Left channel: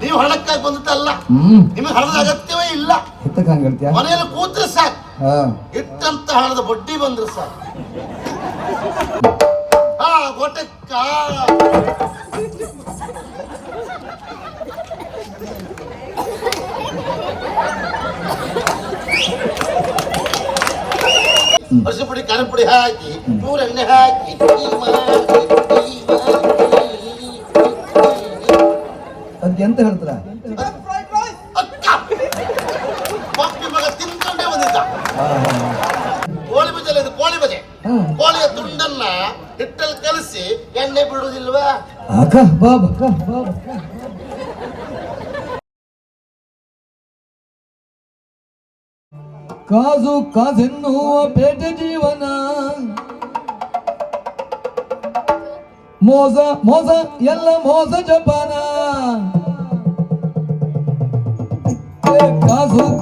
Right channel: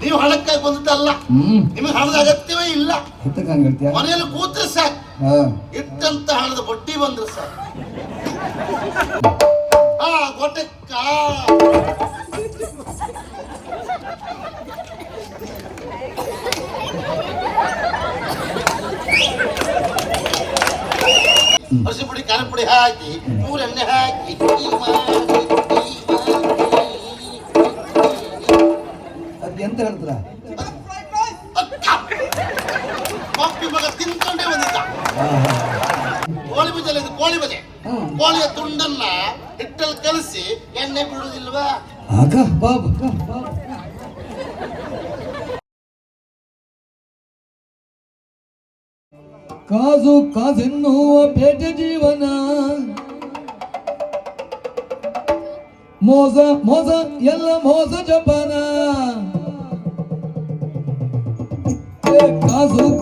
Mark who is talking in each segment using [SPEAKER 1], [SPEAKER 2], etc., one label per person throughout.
[SPEAKER 1] ನೀವು ಹಣಕ್ಕಾಗಿ ಬಂದದ್ದಲ್ಲ
[SPEAKER 2] ಹ್ಮ್.
[SPEAKER 1] ನಿಮಗೆ ಹಣದ ಅಗತ್ಯವೇ ಇಲ್ಲ.
[SPEAKER 2] ಎತ್ತಕ್ಕೆ ಹಂಗೆ ಹೇಳ್ತೀಯ?
[SPEAKER 1] ಮನೆಯಲ್ಲಿ ಕೂತ್ರೆ ಸಾಕು.
[SPEAKER 2] ಹಾ.
[SPEAKER 1] ಇಟ್ಟಂತ ಹಣದ ಬಡ್ಡಿ ಬಂದ್ರೆ ಸಾಕು. ಹಾ ಗೊಟ್ಟಕ್ಕ ಅರಿಶಿನ ಪುಡಿ ಖಾರ ಪುಡಿ ಹಾಕಿ ಮೂರು ಎಣ್ಣೆ ಹಾಕಿ
[SPEAKER 2] ಅದ್ ಎಂತ ಹೇಳ್ತಾರ
[SPEAKER 1] ಮಗ ತಿನ್ಕೊಂಡೇ ಬಂದಿದ್ದ. ಕೋಳಿ ಬಜೆ ಕೋಳಿ ಬಜೆ ಕೋಳಿಯ ತುಂಡನ್ನ ಹಿಟ್ಟಲ್ಲಿ ಕಲಸಿ ಎಣ್ಣೆ ಬಿಡುವುದಿಲ್ವಾ
[SPEAKER 2] ಅಕ್ಕ ಬಾಬಾ ಬಾಬಾ ಕಾಜು ಕಾಜೆನ್ನುವ ಪೇಟೆ ಜೀವನ. ಮೋಸ ಮೋಸ ಎಲ್ಲ ಮೋಸ ಜಪಾನ. caso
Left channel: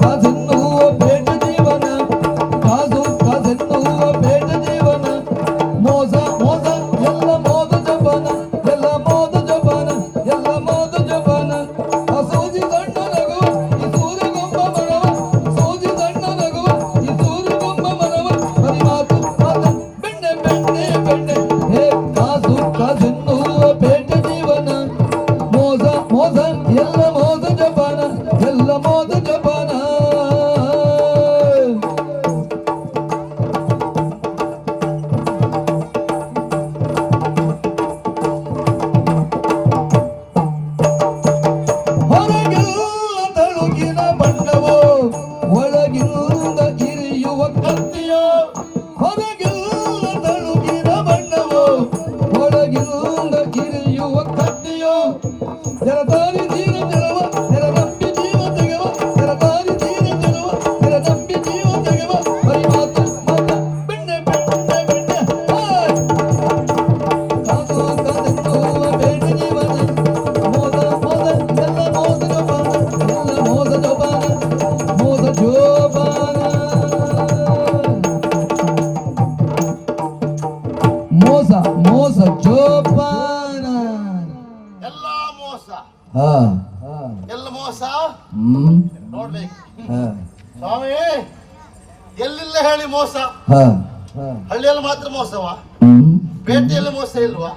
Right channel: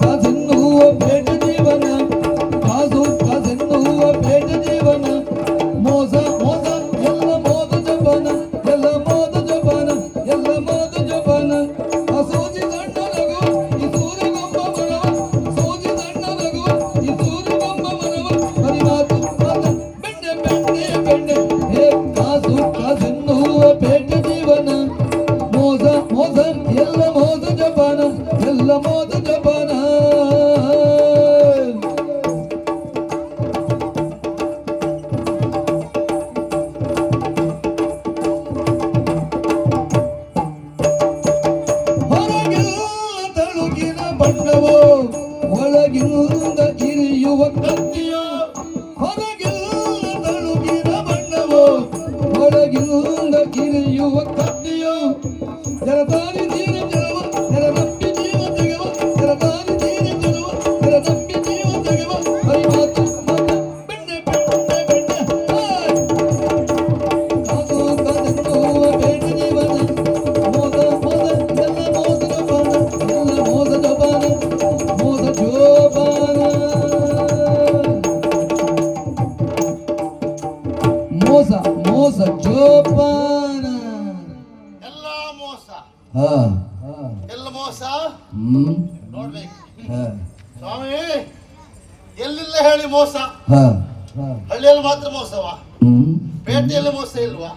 [SPEAKER 2] ಎಲ್ಲ ಮೋಸ? ಹ್ಮ್.
[SPEAKER 1] ನೋಡ್ಬೇಕು. ಸ್ವಾಮಿ ಎಲ್ಲಿಲ್ಲ ಹೇಳಿ ಮೋಸ?
[SPEAKER 2] ಹಾ.
[SPEAKER 1] ಹಳ್ಳಿಯಲ್ಲಿ ಮಾತ್ರ ಮೋಸವಾ? ಪೇಟೆಯಲ್ಲಿ ಮೋಸ ಇಲ್ವಾ?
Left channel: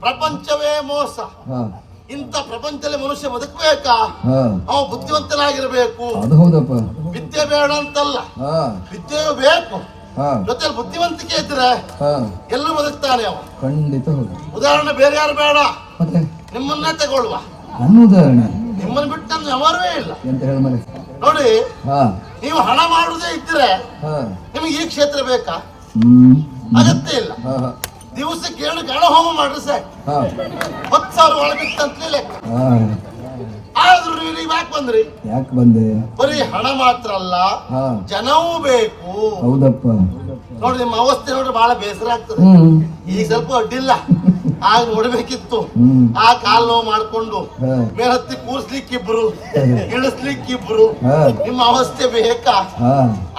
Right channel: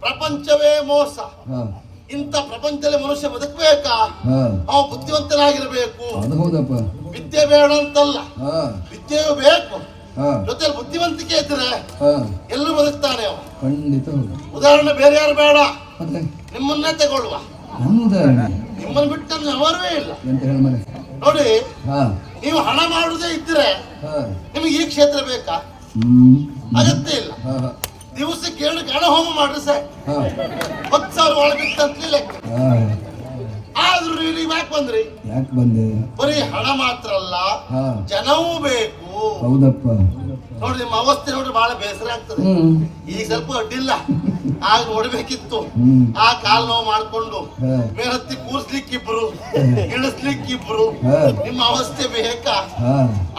[SPEAKER 1] ಪ್ರಪಂಚವೇ ಮೋಸ. ಇಂಥ ಪ್ರಪಂಚದಲ್ಲಿ ಮನುಷ್ಯ ಬದುಕಬೇಕಾ? ಅವ ಬುದ್ಧಿವಂತನಾಗಿರಬೇಕು. ವಿದ್ಯೆ ಬೇಡ ಅಂತಲ್ಲ.
[SPEAKER 2] ಹಾ.
[SPEAKER 1] ವಿದ್ಯೆ ಬೇಕು.
[SPEAKER 2] ಹಾ.
[SPEAKER 1] ಜೊತೆಲಿ ಬುದ್ಧಿವಂತಿಕೆ ಇದ್ರೆ
[SPEAKER 2] ಹಾ.
[SPEAKER 1] ಎಲ್ಲೂ ಬದುಕ್ತಾನೆ ಅವ.
[SPEAKER 2] ಖಂಡಿತ
[SPEAKER 1] ಉದಾಹರಣೆ ಬೇರೆ ಯಾರು ಬೇಡ.
[SPEAKER 2] ನಿಮ್ಮನ್ನ
[SPEAKER 1] ನಿಮ್ಮನ್ನೇ ತಗೊಳ್ಳುವ.
[SPEAKER 2] ನನ್ನ ಉದಾಹರಣೆ
[SPEAKER 1] ನಿಮ್ಮನ್ನು ಬಿಟ್ಟು ಅವರವೇ ಇಲ್ಲ.
[SPEAKER 2] ಎಂತ ಹೇಳ ಮನೆ?
[SPEAKER 1] ನೋಡಿ
[SPEAKER 2] ಹಾ.
[SPEAKER 1] ನೀವು ಹಣ ಮಾಡುವುದೇ ಇದ್ರೆ
[SPEAKER 2] ಹಾ.
[SPEAKER 1] ನಿಮಗೆ ಈ ಕ್ಷೇತ್ರ ಬೇಕಾ?
[SPEAKER 2] ಹ್ಮ್.
[SPEAKER 1] ಅಗತ್ಯ ಇಲ್ಲ.
[SPEAKER 2] ಹಾ ಹಾ.
[SPEAKER 1] ದಿವಸಕ್ಕೆ ಏಳು ಗಣ ಹೋಮ ಮಾಡ್ರಿ ಸರ್
[SPEAKER 2] ಹಾ.
[SPEAKER 1] ಹತ್ತು ಸಾವಿರ ಒಳಗಿತ್ತಂತಲೇ ಲೆಕ್ಕ
[SPEAKER 2] ಹಾ.
[SPEAKER 1] ಆದ್ರೂ ನೀವು ನೀವು ಯಾಕೆ ಬಂದ್ರಿ?
[SPEAKER 2] ಯಾಕೆ ಬಂದೆ?
[SPEAKER 1] ಬರೀ ಹಣ ಮಾತ್ರ ಅಲ್ಲ
[SPEAKER 2] ಹಾ.
[SPEAKER 1] ಜನವೂ ಬೇಕು.
[SPEAKER 2] ಹೌದಪ್ಪ.
[SPEAKER 1] ನೋಡಿ ನಿಮ್ಮ ಅವಸ್ಥೆ ನೋಡ್ರಿ ಬಹಳ ಬೇಸರ ಆಗ್ತದೆ.
[SPEAKER 2] ಹ್ಮ್.
[SPEAKER 1] ಈಗ ಸ್ವಲ್ಪ ಅಡ್ಡಿಲ್ಲ ಆಗ ನೋಡ್ಬೇಕಿತ್ತು ಆ ಕಾಲ್ ನೋವು ಮಾಡ್ಕೊಂಡು ಮೇಲತ್ತಿ ಕೂರ್ಸ್ಲಿಕ್ಕಿಬ್ರು ಇಳಿಸ್ಲಿಕ್ಕಿಬ್ರು ನಿಮ್ಮ ಅವಸ್ಥೆ ಬೇಕಾ?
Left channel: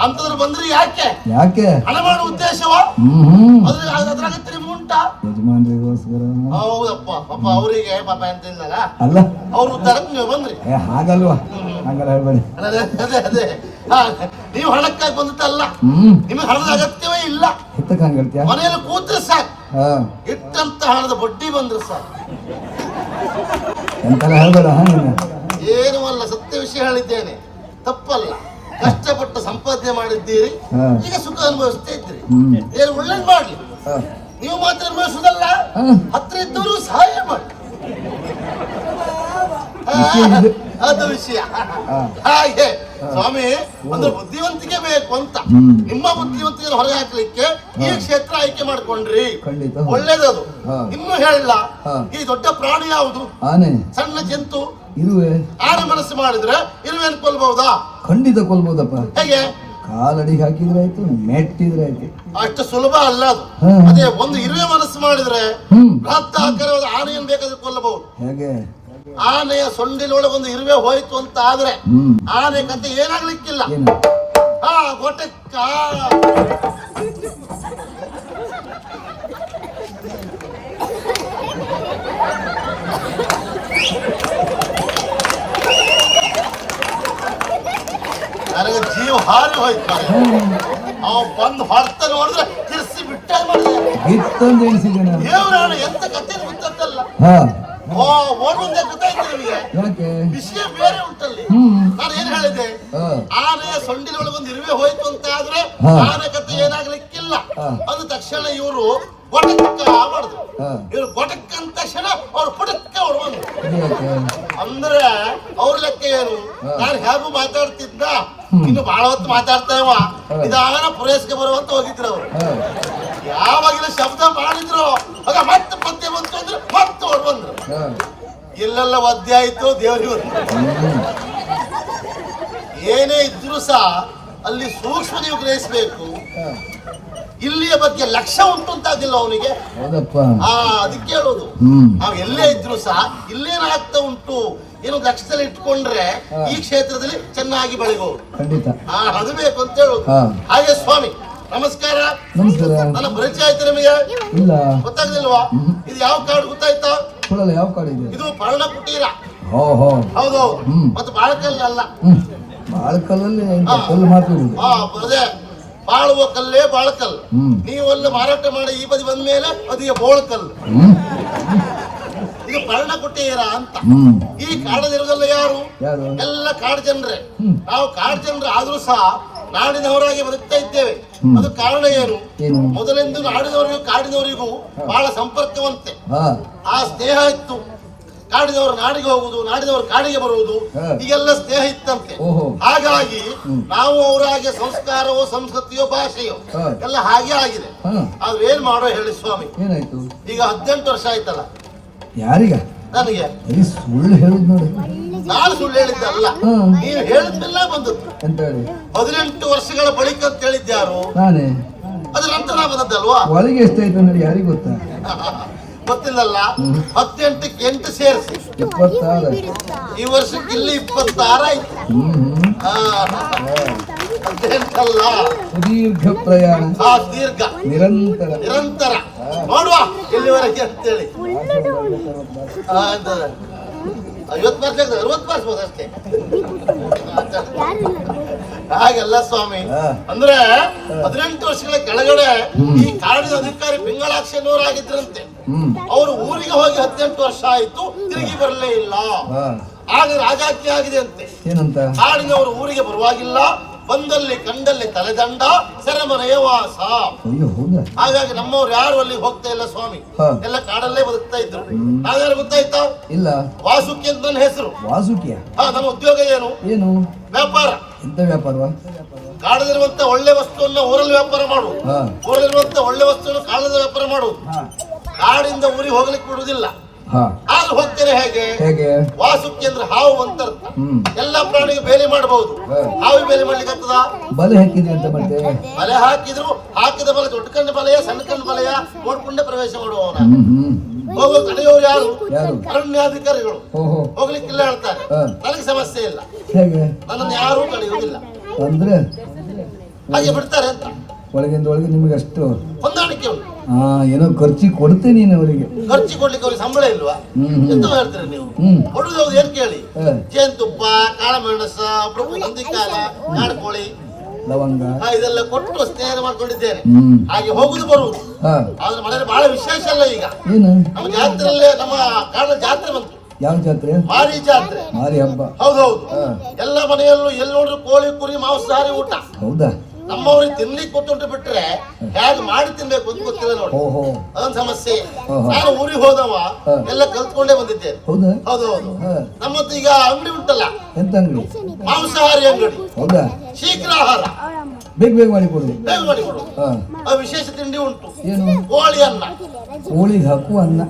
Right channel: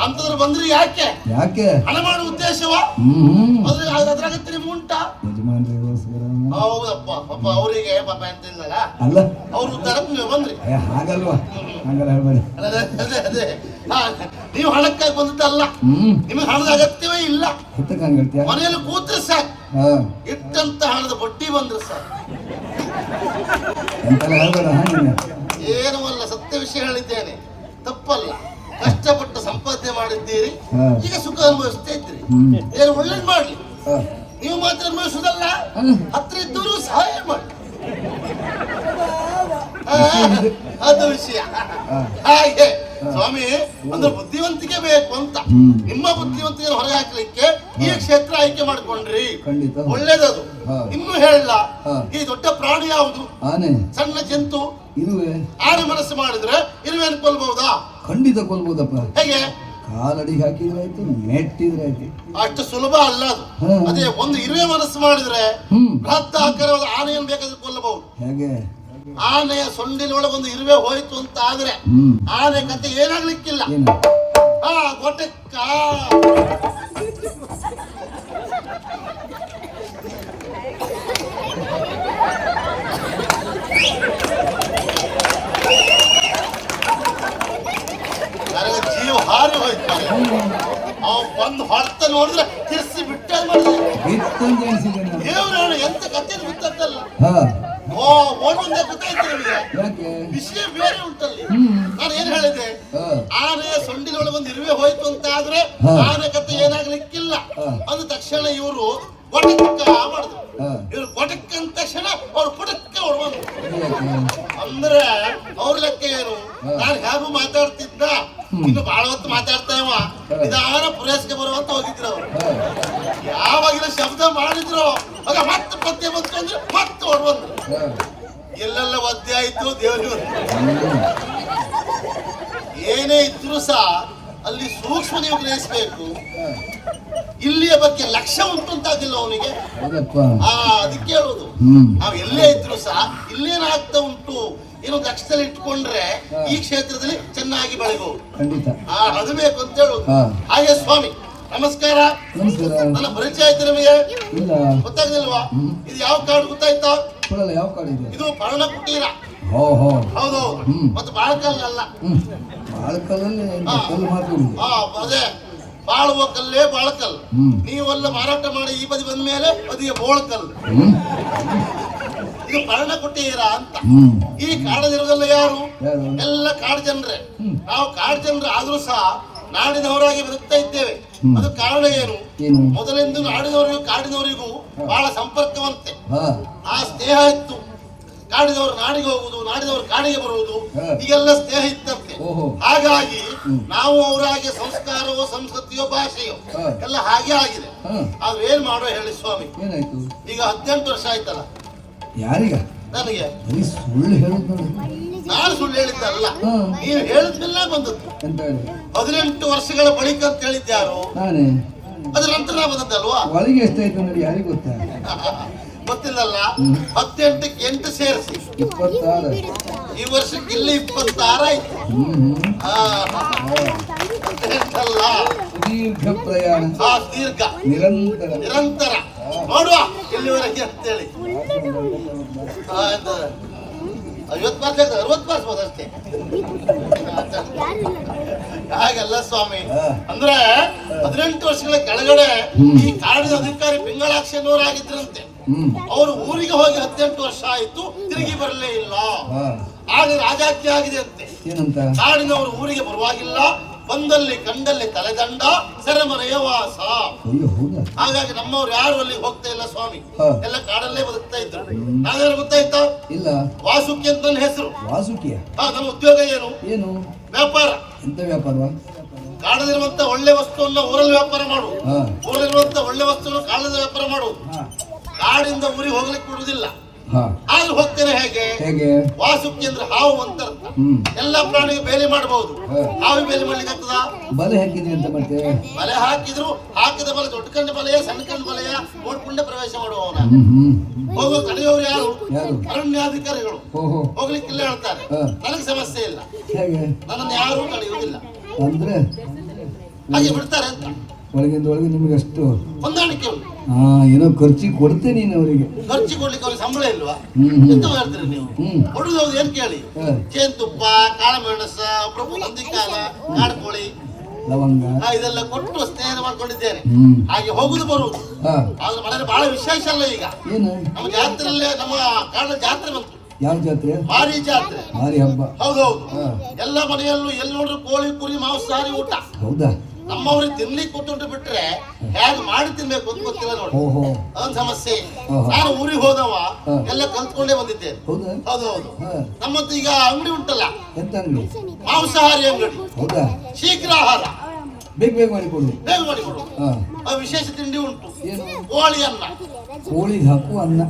[SPEAKER 1] ಅಂತಂದ್ರೆ ಬಂದ್ರಿ ಯಾಕೆ?
[SPEAKER 2] ಯಾಕೆ?
[SPEAKER 1] ಹಣ ಮಾಡುವ ಉದ್ದೇಶವ?
[SPEAKER 2] ಹ್ಮ್ ಹ್ಮ್.
[SPEAKER 1] ಅದ್ರ ಅದ್ರ ಅಗತ್ಯ ನಿಮ್ಗೆ ಉಂಟಾ ಹೌದಪ್ಪ. ಪಾಪ ಅವರಿಗೆ ಪಾಪ ಇಲ್ಲಲ್ಲ?
[SPEAKER 2] ಅಲ್ಲ.
[SPEAKER 1] ಅವ್ರ ನೀವು ಬಂದ್ರಿ.
[SPEAKER 2] ಹಾಗಲ್ವಾ? ಹಂಗಲ್ಲ ಹೇಳ್ಬೇಡಿ.
[SPEAKER 1] ಅದೇ ಅದೇ ಅದೇ ನೀವು ಹಣಕ್ಕಾಗಿ ಬಂದದ್ದಲ್ಲ. ನಿಮಗೆ ಹಣದ ಅಗತ್ಯವೇ ಇಲ್ಲ. ಮನೆಯಲ್ಲಿ ಕೂತ್ರೆ ಸಾಕು. ಇಟ್ಟಂತ ಹಣದ ಬಡ್ಡಿ ಬಂದ್ರು ಸರ್.
[SPEAKER 2] ಎಂತೆಲ್ಲ ಹೇಳ್ಬೇಡ ಹಾ ನೀನು.
[SPEAKER 1] ಏನೂ ಅಲ್ಲ ಸತ್ಯ ವಿಷಯ ಹೇಳಿದ್ದೇನೆ. ತಪ್ಪಲ್ಲ. ಕಷ್ಟಪಟ್ಟು ಸಂಪಾದನೆ ಮಾಡಿದ್ದೀರಿ. ಈಗ ಸುಖ ಅನುಭವಿಸ್ತಾ
[SPEAKER 2] ಇದ್ರಿ
[SPEAKER 1] ಏನು ಒಳ್ಳೇದು ಮಾಡ್ಲಿ? ನೀವು ಮಾತ್ರ
[SPEAKER 2] ಅನುಭವಿಸುದಲ್ಲ?
[SPEAKER 1] ಹತ್ರ ಇದ್ದವರು ಸಹಾಯ ಮಾಡಿ. ಅದು ವಿಷಯ. ಹಾಗೆ. ಸ್ವಾಮಿ ಅಂದ್ರೆ ಬುದ್ಧಿವಂತಿಕೆ ಬೇಕು ಅಂತ. ನಿಮ್ಮ ಬುದ್ಧಿವಂತಿಕೆ ಹೊರಗೆ ಹಾಕ್ಲಿಕ್ಕೆ ಈ ಕ್ಷೇತ್ರ ಆಯ್ಕೆ ಮಾಡ್ಕೊಂಡ್ರಿ.
[SPEAKER 2] ಖಂಡಿತ.
[SPEAKER 1] ಒಳ್ಳೇದದು. ಇನ್ನು ಹೇಳಿಲ್ಲ. ಈ ದೊಡ್ಡ ಪ್ರಾಣಿ ಯಾವುದು?
[SPEAKER 2] ಆನೆ.
[SPEAKER 1] ಸಣ್ಣ ಜಂತು.
[SPEAKER 2] ಇರುವೆ.
[SPEAKER 1] ಆನೆ ಮನಸ್ಸು ಮಾಡಿದ್ರೆ ಇರುವೆನ್ ಕೊಲ್ಬಹುದಾ
[SPEAKER 2] ಖಂಡಿತ ಕೊಲ್ಬಹುದಪ್ಪ
[SPEAKER 1] ಹೇಗೆ?
[SPEAKER 2] ಕಾಲಡಿಗೆ ಹಾಕಿದ್ರೆ ಆಯ್ತು ಮೆಟ್ಟಿದ್ರೆ ಆಯ್ತು.
[SPEAKER 1] ಅಷ್ಟು ಸುಲಭ ಅಲ್ಲ ಅದು. ಅದೇ ಒಂದು ಇರುವೆ ಮನಸ್ಸು ಮಾಡಿದ್ರೆ ಬೃಹತ್ ಆಕಾರವಾದ ಆನೆಯನ್ನು ಬೇಕಾದ್ರೆ ಕೊಲ್ಲಬಹುದು
[SPEAKER 2] ಹೇಗೆ?
[SPEAKER 1] ಆನೆಯ ಸೊಂಡಿನೊಳಗೆ ಒಂದು ಇರುವೆ ಹೋಯ್ತು ಅಂತ ಆದ್ರೆ ಆನೆ ಕತೆ ಏನಾಗ್ಲಿಕ್ಕಿಲ್ಲ. ಆ ನನಗೆ ಜೀವ ಹಾರಿ ಹೋಯ್ತು. ಅವ ಬಂದು ಹೊಡ್ತ ನೋಡಿದ್ರೆ ತಿರ್ಸಿ ಬಿಟ್ಟ ಮಾಡಿದ್ರೆ ಎಂತ ಕತೆ ಬಿತ್ತಲ್ಲ ಓಡುವಂತೆ ಗೊತ್ತಾಯ್ತು ನಿಮಗೆ.
[SPEAKER 2] ಯಾಕೆ?
[SPEAKER 1] ವಿಷಯ ಬೇರೆ ಉಂಟಲ್ಲಿ. ನಾನು ಏನ್ ಹೇಳಿದೆ? ಆನೆ ಸೊಂಡಿಲೊಳಗೆ ಒಂದು ಇರುವೆ ಹೋಯ್ತು ಅಂತ ಆದ್ರೆ. ಆನೆ ಕತೆ ಏನಾಗ್ಲಿಕ್ಕಿಲ್ಲ. ಅಂದ ತಕ್ಷಣ ಇವರು ಗೊಟಕ್ಕ ಮಾಡಿದ್ರು ಇವ್ರು ಕೊಟಕ್ ಅಂದ ತಕ್ಷಣ ಅವ್ರು ಪುಟಕ್ಕ ಅವ್ರು ಬಂದ್ರು. ಅಂದ್ರೆ ಅವ್ರ ಲೆಕ್ಕ ಏನು. ನಾನು ಹೇಗೂ ಮಾತಾಡ್ತಿದ್ದ. ಇನ್ನು ಬಹಳ ಹೊತ್ತು ಮಾತಾಡ್ತಾ ಇವ. ನಿಧಾನ ಪುರಸ್ಕೆ ಬರುವಂತ ಹೋಗಿದ್ರು ಅವ್ರು. ಯಾವಾಗಿನ ಶಬ್ದ ಮಾಡಿದ್ರು. ಅದ ಮತ್ತೆ ಪದ್ಯ ಬಂತು ಅಂದ್ರೆ ಮತ್ತೆ ಅವ್ರು ಬಂದ್ರು.
[SPEAKER 2] ಇಲ್ಲೆಲ್ಲ
[SPEAKER 1] ಎಲ್ಲೆಲ್ಲ ಒದ್ದೆ ಆಯ್ತು
[SPEAKER 2] ದೇವರಿವರು
[SPEAKER 1] ಏನೇ ಇದ್ರು ಸಹ ಅಲ್ಲಿ ಸೂಕ್ಷ್ಮ ನೀವು ಗ್ರಹಿಸಬೇಕು. ಇಲ್ಲಿಯ ಬಗ್ಗೆ ಲಕ್ಷ್ಯ ಉಂಟು ಅಂತಾದಿಲ್ಲ ಅವನಿಗೆ. ಆ ಅದಕ್ಕೆ ಹೇಳೋದು. ನಾವು ಎಲ್ಲೇ ಇದ್ರು ಸಹ ಇಲ್ಲೇನಾಗ್ತಾ ಉಂಟು. ಏನು ಲಕ್ಷ್ಯದಲ್ಲಿ ಇಟ್ಕೊಂಡ್ರೆ ಈ ಕ್ಷೇತ್ರದಲ್ಲಿ ಚೆನ್ನಾಗಿ ಬೆಳಗೋದು ಅದು ಬೇಕು ಅಂತ ಹೇಳುದು. ಹಾಗೆ ಸ್ವಾಮಿ ನಮಸ್ಕಾರ.
[SPEAKER 2] ನಮಸ್ಕಾರ.
[SPEAKER 1] ನನ್ನ ಪರಿಚಯ ಆಯ್ತು ನಿಮಗೆ?
[SPEAKER 2] ಇಲ್ಲ.
[SPEAKER 1] ಗೊತ್ತಾಗ್ಲಿಲ್ವಾ. ಇದು ಯಾವ ಕಾಡು ಗೊತ್ತಾಯ್ತಾ?
[SPEAKER 2] ಕೊಡಲ್ಲ ಯಾವ ಕಾಡಿ
[SPEAKER 1] ಇದು? ಪರ್ಣ ಕುಟೀರ.
[SPEAKER 2] ಹೋ ಹೋ.
[SPEAKER 1] ಹೌದು
[SPEAKER 2] ಹ್ಮ್.
[SPEAKER 1] ಮತ್ತು ಬಾಳಕಲ್ಲ ಅಲ್ಲ
[SPEAKER 2] ಬಾಳ್ಕಲ್ಲಲ್ಲಿ. ಕಲ್ಲು ಮಾತಾಡುದು
[SPEAKER 1] ಹಾ ಅದೇ ಬಾಳುವ ಕಲ್ಲೇ ಬಾಳಕಲ್
[SPEAKER 2] ಹ್ಮ್.
[SPEAKER 1] ನೀವೆಲ್ಲ ಮಾರಾಟ ಮಾಡಿ ಈ ಬದಿ ಬಂದ ಮೇಲೆ ಅದಿಗೆ ಬೋಳಕಲ್
[SPEAKER 2] ಹ್ಮ್.
[SPEAKER 1] ಇದು ಪರ್ಣ ಕುಟೀರ ಅಂತ.
[SPEAKER 2] ಹ್ಮ್.
[SPEAKER 1] ಈ ಕಾಡದಿರೋದಲ್ಲ ಯಾರು?
[SPEAKER 2] ಯಾರು?
[SPEAKER 1] ಎಲ್ಲ ಕಾಡು ಜನರೇ. ನಾವು ಕಾಡು ಜನರು ಆದ್ರೂ ಸಹ ನಾಡಿನವರಾಗಿ ಬದುಕ್ತಾ ಇದ್ದೇವೆ. ಅದು ಕಾರಣ ಏನು? ಮೊದಲಿಂದ ನಾಡಿನವರಿಗೂ ಕಾಡಿನವರಿಗೂ ಬಹಳ ಸಂಪರ್ಕವಂತೆ. ಆ ಸ್ನೇಹ ಇತ್ತು. ಕಾಡಿದವರು ನಾಡಿಗೆ ಹೋಗುವುದು ನಾಡಿದವರು ಕಾಡಿಗೆ ಬರುವುದು. ಈಗೆಲ್ಲ ಸ್ನೇಹ ಇತ್ತಂತೆ. ಹಾಗಾಗಿ ನಾವು ಅವರ ಹಾಗೆ ಸಂಸ್ಕಾರವೋ ಸಂಸ್ಕೃತಿಯೋ ಭಾಷೆಯೋ ಎಲ್ಲ ಹಾಗೆ ಆಗಿದೆ. ಆದ್ರೆ ಏನ್ ಮಾಡೋ ಹೇಳಿ ಸ್ವಾಮಿ? ಈಗ ಹದಿನೆಂಟು ವರ್ಷ ಆಯ್ತಲ್ಲ?
[SPEAKER 2] ಯಾರಿಗ?
[SPEAKER 1] ನನಗೆ.
[SPEAKER 2] ಸುಳ್ಳು ಹೇಳುದು ನೋಡಿ.
[SPEAKER 1] ನಾನು ಸುಳ್ಳು ಹೇಳಿದ್ದಲ್ಲ.
[SPEAKER 2] ಅಲ್ಲ
[SPEAKER 1] ನೀನು ಹೇಳಿದ್ಮೆಲ್ಲ ಬಂದದ್ದು.
[SPEAKER 2] ಎಂತ ಹೇಳಿ
[SPEAKER 1] ಹದಿನೆಂಟು ವರ್ಷಗಳ ಬಳಿಕ ಅಂತ ಹೇಳಿದ್ಯಾರು?
[SPEAKER 2] ನಾನೇ.
[SPEAKER 1] ಅದ್ರ ನಂತರ ನಾ ಬಂದದ್ದಲ್ವಾ?
[SPEAKER 2] ಒಳಗೆ ಎಷ್ಟಾಯ್ತು ನೋಡಿ ಯಾರಿಗೆ ಗೊತ್ತಾ?
[SPEAKER 1] ಗೊತ್ತಿಲ್ಲಲ್ಲ. ಹತ್ತೆಂಟಕ್ಕೆ ಎಂಟು ಸೇರಿಸಿ.
[SPEAKER 2] ಇಪ್ಪತ್ತಾರು.
[SPEAKER 1] ಈ ವರ್ಷಕ್ಕೆ ಇಲ್ಲಿ ಇಪ್ಪತ್ತಾರು ಆಯ್ತು.
[SPEAKER 2] ಹ್ಮ್.
[SPEAKER 1] ಆ,
[SPEAKER 2] ಸುದೀರ್ಘ ಪ್ರಯಾಣ.
[SPEAKER 1] ಆ ದೀರ್ಘ.
[SPEAKER 2] ನಿರಂತರ.
[SPEAKER 1] ನಿರಂತರ. ನೋಡುವ ಇಲ್ಲಿವರೆಗೆ ಅಂತೇಳಿ. ಆ? ಐವತ್ತು ಮಾರ್ಕ್ಸ್ ಅರವತ್ತು ಬರ್ಸ್ಬೋದು ಅಷ್ಟೇ. ಹಾಗೆಲ್ಲ ಸ್ವಾಮಿ. ಅಂದ್ರೆ ಹದಿನೆಂಟು ವರ್ಷಗಳ ಕೆಳಗಡೆ. ಈ ಕಾಡಿನ ಅಧಿಕಾರಿ ಪಿಂಗಳಾಕ್ಷಿ ಆಗಿದ್ರಂತೆ ಅವರು ಊರಿಗೆ ಹೋಗಿ ಹದಿನೆಂಟು ವರ್ಷ ಆಯ್ತು ತಿರುಗಿ ಬರಲೇ ಇಲ್ಲ. ಆಗ ರಾಜಾಜ್ಞೆ ಆಗಿದೆ ಅಂತೆ. ಕಾಡಿನವರು ಊರಿಗೆ ಬರುವಾಗಿಲ್ಲ ಬಂದಲ್ಲಿ ಕಂಡಲ್ಲಿ ತಲೆದಂಡ ಸೆರೆಮನೆಯ ವಾಸ. ಹಾಗಾಗಿ ನಮ್ಮವ್ರು ಯಾರು ಅಲ್ಲಿ ಹೋಗ್ತಾ ಇಲ್ಲ ಸ್ವಾಮಿ? ಎಲ್ಲ ಕಾಡಲ್ಲೇ ಬದುಕ್ತಾ ಇದ್ರು. ನಾವ್ಯಾರು ಗೊತ್ತಾಯ್ತಾ?
[SPEAKER 2] ಇಲ್ಲ.
[SPEAKER 1] ವಾಸುಕಿ ಅಂತ ನನ್ನ ಹೆಸರು.
[SPEAKER 2] ವಾಸುಕಿಯ?
[SPEAKER 1] ಹಾ ನಮ್ಮ ಉದ್ಯೋಗ ಏನು?
[SPEAKER 2] ಏನು?
[SPEAKER 1] ವ್ಯಾಪಾರ.
[SPEAKER 2] ಎಂತ ವ್ಯಾಪಾರವಾ?
[SPEAKER 1] ಕಾಡದಿರುವಂತ ಒಳ್ಳೆ ವಸ್ತುವನ್ನ ಊರಲ್ಲಿ ವ್ಯಾಪಾರ
[SPEAKER 2] ಮಾಡು.
[SPEAKER 1] ಊರಲ್ಲಿರುವಂತ ಒಳ್ಳೆ ವಸ್ತುವನ್ನು ಕಾಡದ ವ್ಯಾಪಾರ
[SPEAKER 2] ಮಾಡು.
[SPEAKER 1] ಕಾಡಿಂದ ಊರಿಗೆ ಹೋಗ್ಲಿಕ್ಕೆ ಬಿಡುವುದಿಲ್ಲ.
[SPEAKER 2] ಹಾ.
[SPEAKER 1] ಆದ್ರೂ ಹೋಗ್ತೇನೆ ಹೇಗೆ?
[SPEAKER 2] ಹೇಗೆ?
[SPEAKER 1] ವಾಸುಕಿ ಅಂದ್ರೆ ಹಾವು ಅಂತ ಎಲ್ಲ ಪ್ರಾಣಿಗೆ ಬೇಲಿ ಮಾಡಬಹುದು ಹಾವು ಬೇಲೆ ಮಾಡ್ಲಿಕ್ಕೆ ಆಗ್ತದ?
[SPEAKER 2] ಬಲೆ ಹಾಕಿದ್ರೆ ಅಂತ ಮತ್ತೆ?
[SPEAKER 1] ಬಲೆ ಹಾಕಿದ್ರು ಹಾಕಿದ ಬಲೆ ದೊಡ್ಡ ಕಣ್ಣು ಬಲೆಯ ಸಣ್ಣ ಕಣ್ಣು ಬಲೆಯ? ನೋಡ್ಕೊಂಡೆ ಪ್ರವೇಶ ಮಾಡುವವನ. ಹೋಗುವ ತಡೆಯೋರು ಯಾರು? ಅರಣ್ಯಾಧಿಕಾರಿಗಳು. ಹೋಗ್ಲಿಕ್ಕಿಲ್ಲ ಹೇಳ್ತಾರೆ. ನನಗೆ ಸಮಸ್ಯೆ ಇಲ್ಲ.
[SPEAKER 2] ಹೇಗೆ?
[SPEAKER 1] ನನ್ನ ಯಾರು ತಡೆಯುವುದಿಲ್ಲ
[SPEAKER 2] ಅಂದ್ರೆ?
[SPEAKER 1] ಹಾಗೆ ಬಿಡ್ತಾರೆ ಅಂತ.
[SPEAKER 2] ಒಳಗಿಂದ ಒಳಗೆ ನಿಮಗೆ ಅಷ್ಟು
[SPEAKER 1] ಹೊಂದಾಣಿಕೆ ಉಂಟು.
[SPEAKER 2] ಹಾ ಏನೋ ಖರ್ಚಿ ಕೊಡ್ತೇನೆ ನೀನು ಅವರಿಗೆ.
[SPEAKER 1] ಖರ್ಚು ಕೊಡ್ಲಿಕ್ಕೆ ಸಂಬಳ ಇಲ್ವಾ? ಎಂತ ಹೇಳ್ತೀರಿ ನೀವು? ಹುಡುಗ ಹೌದು ಏನ್ ಕೇಳಿ. ಜೇನುತುಪ್ಪ ಕಾಳಮೆಣಸ ಕಾಲ ಕಾಡು ಕಾಡ್ಕೋಳಿ.
[SPEAKER 2] ಲವಂಗ.
[SPEAKER 1] ಇದೆಲ್ಲ ಕೊಟ್ಟು ಸ್ನೇಹ ಮಾಡ್ಕೊಂಡಿದ್ದೇನೆ. ಹಾಗೆ ಹೋಗುದು ಬರುವುದು. ಆದ್ರೆ ಮನೇಲಿ ಬಹಳ ವಿಶೇಷ ಅಲ್ಲ ಈಗ. ನಮ್ಮ ಜಾತ್ರೆಯಲ್ಲೇ ನಮ್ಮ ಕಾಡ ಜಾತ್ರೆ ಬಂತು.
[SPEAKER 2] ಯಾವ ಜಾತ್ರೆ?
[SPEAKER 1] ಭಾರಿ ಜಾತ್ರೆ.
[SPEAKER 2] ಮಾರಿ ಹಬ್ಬ.
[SPEAKER 1] ಹೌದೌದು ಎಲ್ಲ ಮನೆಯಲ್ಲೂ ಎಲ್ಲಿ ನೋಡ್ರು ಕೋಳಿ ಕುರಿ ಮಾಂಸಾಹಾರಿ ಊಟ.
[SPEAKER 2] ಹೌದಾ?
[SPEAKER 1] ನಮ್ಮವ್ರಿಗೆ ತಿನ್ಲಿಕ್ಕೆ ಕೊಟ್ಟು ಬಿಟ್ರೆ ಹೇಗೆ ಮಾಡಿ ತಿನ್ಬೇಕು ಅಂತ ಗೊತ್ತಿಲ್ಲ ನೋಡಿ.
[SPEAKER 2] ಓಹೋ.
[SPEAKER 1] ಅದೊಂದು ಸಮಸ್ಯೆ. ನಾನು ಊರಿಗೆ ಹೋದವ. ಎಲ್ಲ ಕಲ್ತ್ಕೊಂಡೇ ಬಂದಿದ್ದೆ
[SPEAKER 2] ಹೌದಾ?
[SPEAKER 1] ಹೌದು ಹೌದು. ನಮ್ಮತ್ತು ಈಗ ಅಂಗಡಿ ಉಂಟಲ್ಲ.
[SPEAKER 2] ಎಂತ ಅಂಗಡಿ?
[SPEAKER 1] ಮಾಂಸಾಹಾರಿ ಅಂಗಡಿ.
[SPEAKER 2] ಹೌದಾ?
[SPEAKER 1] ಶೀಘ್ರ ಆಹಾರ.
[SPEAKER 2] ಬೇಗ ಬೇಗ ಮಾಡಿಕೊಡು.
[SPEAKER 1] ಬೇಗ ಮಾಡಿಕೊಡು. ವಿಶೇಷ ತಿಂಡಿ ಉಂಟು.
[SPEAKER 2] ಏನು?
[SPEAKER 1] ಕೋಳಿ ಅನ್ನ.
[SPEAKER 2] ಕೋಳಿಗೆ ಹಾಕು ಅನ್ನ.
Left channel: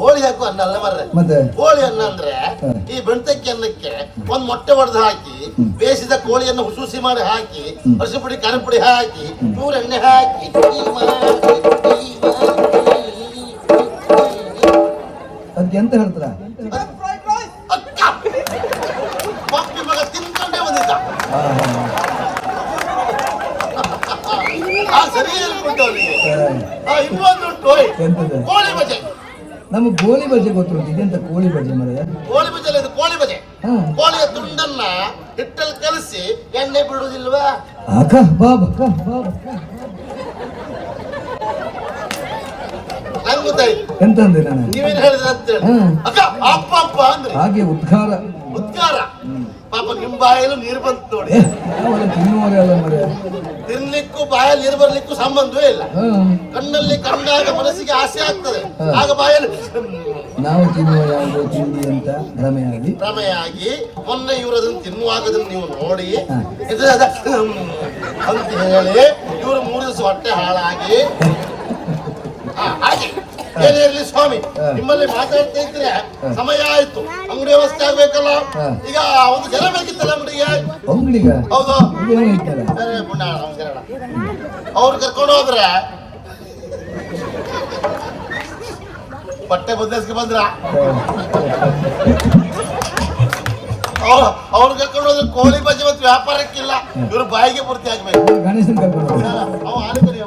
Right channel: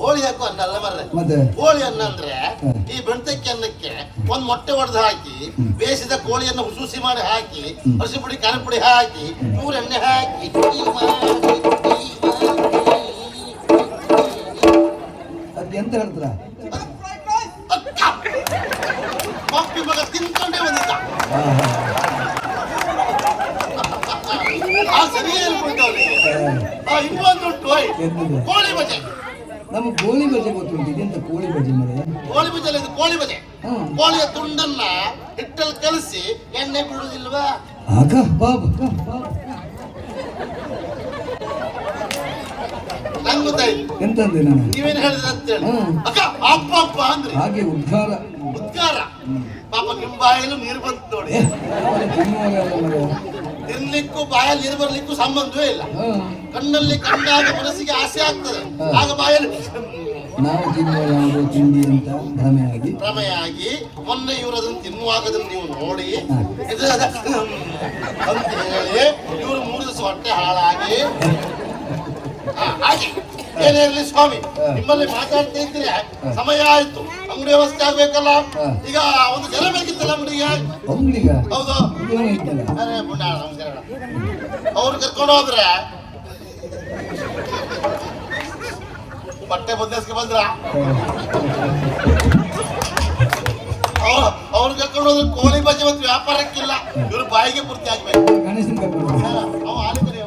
[SPEAKER 1] ಕೋಳಿ ಹಾಕು ಅನ್ನ ಅಲ್ಲ ಮರ್ರೆ.
[SPEAKER 2] ಮತ್ತೆ?
[SPEAKER 1] ಕೋಳಿ ಅನ್ನ ಅಂದ್ರೆ ಈ ಬೆಣ್ತಕ್ಕಿ ಅನ್ನಕ್ಕೆ ಒಂದ್ ಮೊಟ್ಟೆ ಹೊಡೆದು ಹಾಕಿ ಬೇಯಿಸಿದ ಕೋಳಿಯನ್ನು ಹುಸುಸಿ ಮಾಡಿ ಹಾಕಿ ಹಸಿ ಪುಡಿ ಖಾರ ಪುಡಿ ಹಾಕಿ ನೂರು ಎಣ್ಣೆ ಹಾಕಿ.
[SPEAKER 2] ಎಂತ ಹೇಳ್ತಾರ.
[SPEAKER 1] ಪಪ್ಪಿ ಮಗ ತಿನ್ಕೊಂಡೇ ಬಂದಿದ್ದ. ಆ ಸರಿ ಹೇಳ್ಕೊಂಡು ಅವನಿಗೆ ಆ ಇನ್ನೊಂದು ಕೋಳಿ ಬಜೆ
[SPEAKER 2] ನಮಗೆ ಕೋಳಿ ಬಜೆ ಗೊತ್ತುಂಟು ಇದೆಂತ ಕೋಳಿ ಬಜೆ ಮರೆಯ?
[SPEAKER 1] ಕೋಳಿ ಬಜೆ ಅಲ್ಲ ಇದು ಕೋಳಿ ಬಜೆ
[SPEAKER 2] ಹ್ಮ್.
[SPEAKER 1] ಕೋಳಿಯ ತುಂಡನ್ನ ಹಿಟ್ಟಲ್ಲಿ ಕಲಸಿ ಎಣ್ಣೆ ಬಿಡುವುದಿಲ್ವಾ?
[SPEAKER 2] ಅಕ್ಕ ಬಾಬಾ
[SPEAKER 1] ನಂಗೆ ಗೊತ್ತಾಯ್ತು.
[SPEAKER 2] ಎಂತಂದೆ ನಾನು?
[SPEAKER 1] ನೀವೇನ್ ಹೇಳಿದ್ರೆ ಅಂತೇಳಿ
[SPEAKER 2] ಹ್ಮ್.
[SPEAKER 1] ಅಕ್ಕ ಅಪ್ಪ ಅಪ್ಪ ಅಂದ್ರೆ.
[SPEAKER 2] ಹಾಗೆ ಉದ್ಘಾರ
[SPEAKER 1] ಉದ್ಗಾರ. ನಿಮ್ ಬಾಯಲ್ಲೂ ನೀರು ಬಂತು ನೋಡಿ. ತಿನ್ಲಿಕ್ಕೂ ಬಾಯಲ್ಲಿ ನೀರು ಬರ್ಲಿಕ್ಕೂ ಸಂಬಂಧವೇ ಇಲ್ಲ. ಕಣ್ಣಲ್ಲಿ ಕಂಡಾಗ ಮನಸ್ಸಿಗೆ ಆಸೆ ಆಗ್ತದೆ. ಆಗ ಬಾಯಲ್ಲಿ
[SPEAKER 2] ನಾವು ತಿನ್ನುವ ತಿಂಡಿ ಅಂತ ಭ್ರಮೆಯಾಗಿ.
[SPEAKER 1] ಭ್ರಮೆಯಾಗಿ ಮೊನ್ನೆ ಇವರು ಅದನ್ನು ತಿನ್ನುವಾಗ ನೀವು ನೋಡಿ ಇದು ಅಂತ ಹೇಳಿ ಇವರು ಮೂರು ದಿವಸ ಹೊಟ್ಟೆ ಹಾಳಾಗಿ ಹಾಗೆ. ಏನೇ ಇರ್ಲಿ ಸ್ವಾಮಿ? ನಿಮ್ಮಲ್ಲಿ ಮಾತಾಡ್ತಾ ಇದ್ರೆ ಸಮಯ ಆಯ್ತು. ಅಂಗಡಿ ವ್ಯವಸ್ಥೆ ಆಗ್ಬೇಕಲ್ಲ? ಈಗ ಒಂದು ಜನ ಬೇಕಿತ್ತಲ್ಲ ಅಂಗಡಿಗೆ? ಹೌದು. ಅವ್ರು ಕರ್ಕೊಂಡು ಹೋದ್ರೆ ಬಟ್ಟೆ ಬದಲಿಸ್ಕೆ ಬಂದ್ರ? ಅವ್ರು ಕರ್ಕೊಂಡು ಹೋದ್ರೆ ಕೋಳಿ ಬಜ್ಜಿ ಮತ್ತು ವ್ಯಾಪಾರಕ್ಕಿಲ್ಲ. ಇವ್ರು ಬಾಯಿಗೆ ಪೂರ್ತಿ ಆಗ್ಬೇಕು.
[SPEAKER 2] ಅವ್ರು.
[SPEAKER 1] ಅವ ಬಾಯಿ